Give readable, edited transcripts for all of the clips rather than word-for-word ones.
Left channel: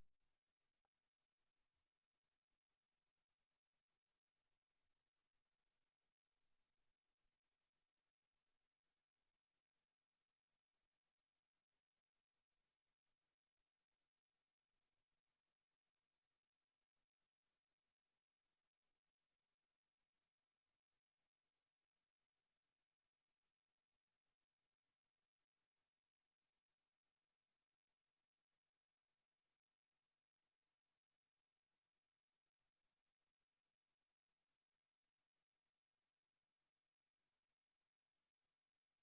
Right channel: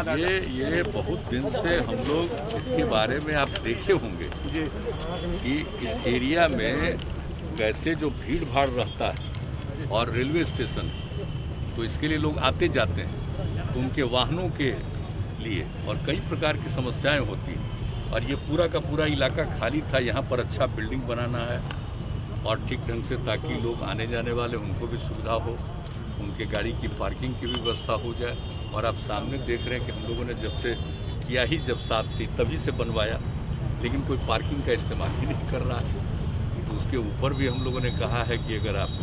ये बहुत दिन से हम लोग इसके बारे में आप देखे होंगे कि इस एरिया में कैसे जो भीड़ भाड़ रहता है और रेलवे स्टेशन, तो इसके लिए लोग आते जाते हैं, तो उनके वाहनों के लिए और कई प्रकार की समस्याएं होती हैं। और ये पूरा का पूरा इलाका खाली था। यहाँ पर अच्छा बिल्डिंग बनाना है और ठीक ढंग से, ताकि लोग आने जाने वाले उनको भी सुविधा हो, उनके गाड़ी की पार्किंग की भी व्यवस्था हो जाए। और आप सामने देख रहे हैं कि हम लोगों ने जब से किया ही जब 7 से तभी से बनवाया, लेकिन कोई पार्किंग का इस्तेमाल ही नहीं कर रहा है। तो उसके ऊपर भी हम लोगों ने कहा है कि अगर आप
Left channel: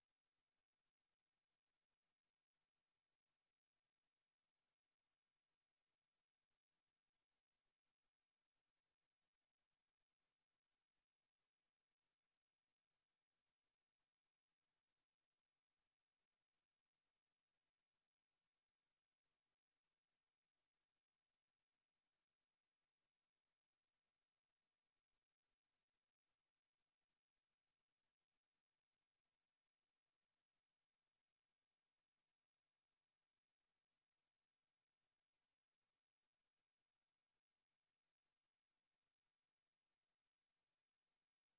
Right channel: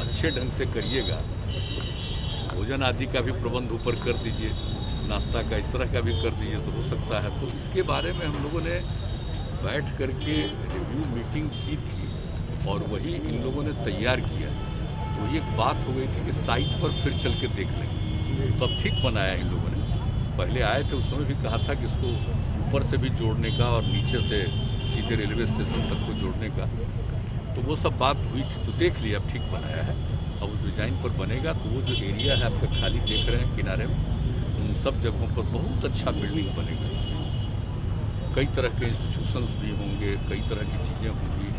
अच्छे ढंग से करिएगा, भोजन आदि का भी प्रबंध ऊपर कर दीजिए, नाश्ता का इस तरह का भी कर दीजिए तो हो सकता है। तो इसके बारे में हम लोगों ने बैठ करके रिव्यू मीटिंग की थी और वही इन लोगों ने तैयार किया। तो ये बात हो गई थी कि साइट पर फिर चल के देख लेंगे, तो अब ठीक बनाया इन लोगों ने। पहले आए थे उस समय भी कहा था कि इसको ऊपर से भी जोड़ने का और नीचे से सीधे रेलवे स्टेशन तक को जोड़ने का, तो वो सब बात हुई थी। तो देख लिया, अब ठीक बनाया है। अब उस डिज़ाइन पर बनेगा तो वो जो एरिया है आपका खाली देख रहे हैं किनारे में, उन सब जगहों पर बहुत अच्छा बिल्डिंग बनेगा। कई तरह के इंस्टीट्यूशंस भी होंगे, कई तरह की चीज़ें होंगी,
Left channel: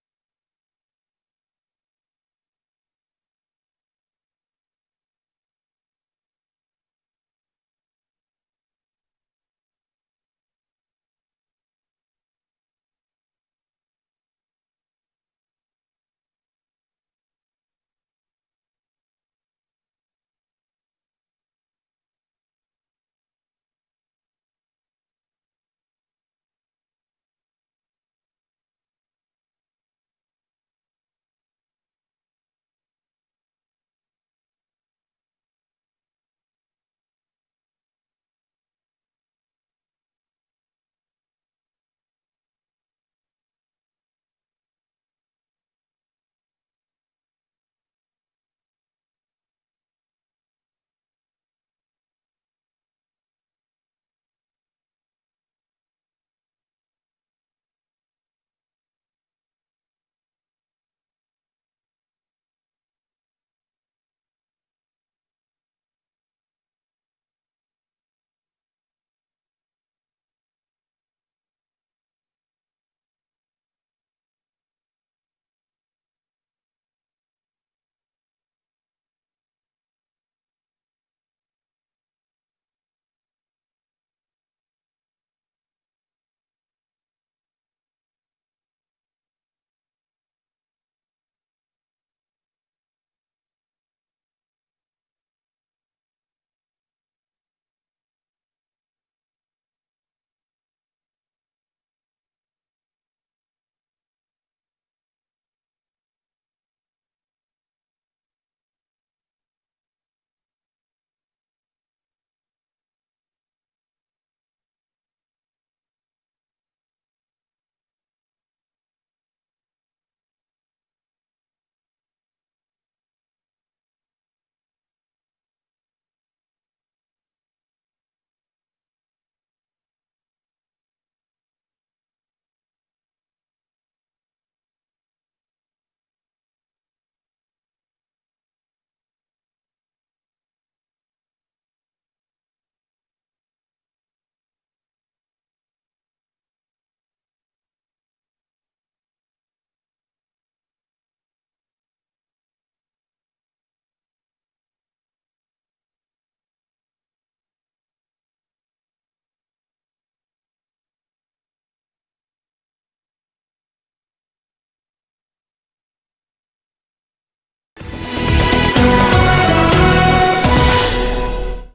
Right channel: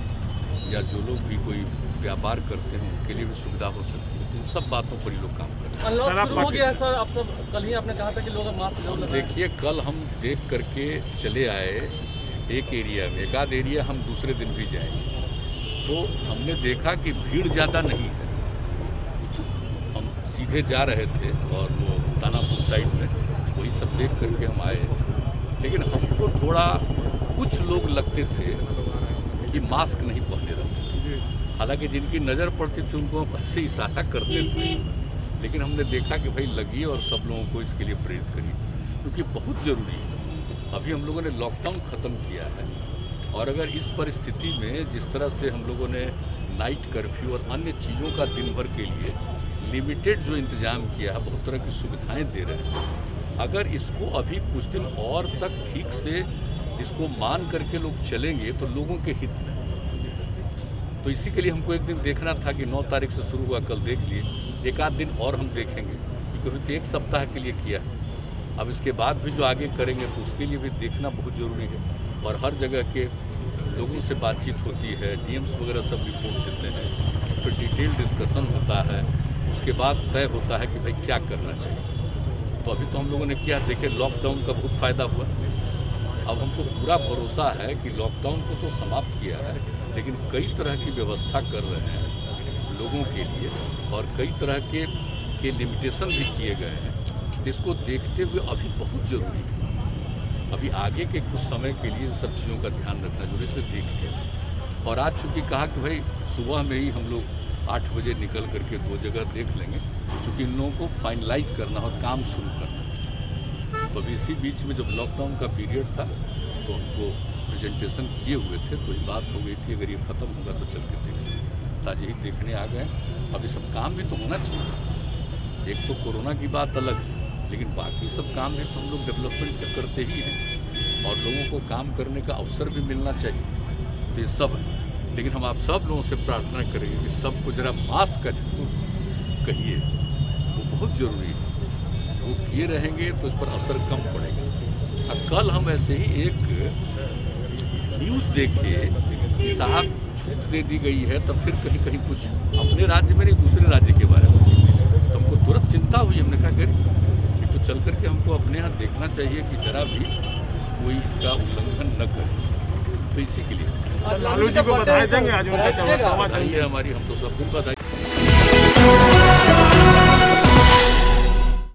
या जो लोग भी कोई व्यापार करते हैं उनके लिए भी सुविधा हो सकती है। तो इन सब बातों पर ही लोग काम कर रहे हैं। अनलॉक शुरू हो गया है सर, आप सब कल ही आपने कहा था कि लोग मास्क जरूर लगाएं। देखिए, कल हम देख करके चले आए एक एरिया में, एक आध एरिया हम दूसरे दिन भी जाएंगे, तो हमने देखा कि भीड़ ज़्यादा नहीं है। हम सीधे जा रहे थे और वो दानापुर साइड में वही सब देख करके हम आए, लेकिन हमको थोड़ा कुछ लोग लगते थे कि मास्क नहीं पहने रहते थे। हालांकि जिनकी नज़र पड़ती थी उनको हम ऐसे इशारा करते थे, लेकिन हमने देखा कि भाई लगिए और सब लोगों को इसके लिए प्रेरित करिए, क्योंकि बहुत ज़रूरी है। अभी हम लोगों ने लॉकडाउन ख़त्म किया है और अगर इस परिस्थिति में जिस तरह से हम लोगों ने नाइट कर्फ्यू और अन्य चीज़ों का दिन भर के लिए लिमिटेड जो इंतज़ाम किया है, बहुत तरह की सुविधाएँ दे रहे हैं, अगर इसको अभी कुछ दिन और तक ठीक से इसको मान करके लोग चलेंगे तो लोगों के हित में। तो इसी के लिए हमको एक दिन देखना था कि 9 तारीख से शुरू हुआ, कल देख लिए, एक आध दिन और हम देखेंगे, क्योंकि एक सप्ताह के लिए किया है। अब इसके बाद भी जो आगे करेंगे तो उसके लिए भी देखना बहुत ज़रूरी है। और हर जगह के लोगों से बातचीत होती है, डीएम्स वगैरह सब रिपोर्ट देते हैं, फिर डिटेल डिस्कशन होता है, उसके बाद तय होता है कि भाई क्या करना चाहिए। तो अभी तो हम लोगों ने किया, देखिए लॉकडाउन का बहुत फ़ायदा हुआ। अब हमको पूरा भरोसा है कि लॉकडाउन को तो समाप्त किया है, लेकिन कई तरह की व्यवस्था कर रहे हैं लोगों के लिए और कई तरह के लिमिटेशन भी किए गए हैं। इसको देखते हुए अभी बहुत ज़रूरी है, अभी आगे के कुछ समय के लिए इन सब चीज़ों का ध्यान रखना जरूरी, इसलिए देख लिया। और आज चूँकि कहा कि भाई सुबह में ही हम लोग 8 बजे निकल करके 2 जगह देख लेंगे, क्योंकि इन लोगों को फाइनलाइज करना और काम शुरू करना। तो अभी इसी बीच में जब लॉकडाउन का पीरियड था तो हमको प्रेजेंटेशन किए हुए थे, तो ये बात हो गई थी अगर ये ख़त्म होगा तो चल के देखें। ताज़े ही देखने आ गए। अब ये सब काम भी तो होना चाहिए। एक तो कोरोना की बात अलग है, लेकिन बाकी सब काम भी तो हम लोग डेवलपमेंट करते ही हैं और लोगों को काम करने का अवसर भी मिलना चाहिए। तो ये सब है, लेकिन हम आप सब लोगों से प्रार्थना करेंगे कि सबको ज़रा मास्क का जरूर कहिए, वो बहुत ज़रूरी है। वो किए रहेंगे तो इस पर असर कम पड़ेगा। अब कल हम ऐसे ही एक न्यूज़ देखे कि साहब छूट दे दी गई है, तब फिर कहीं कहीं कुछ अपने राज्य में नहीं दूसरे राज्य के बारे में, तो हमको तुरंत चिंता हुई। हमने कहा कि तो चल करके हमको अपने यहाँ देखना चाहिए कि जरा भी कोई इसका उल्लंघन न करे। तो इसी के लिए लालू जी को बधाई देंगे आज, हमारी हम तो सब दिन बधाई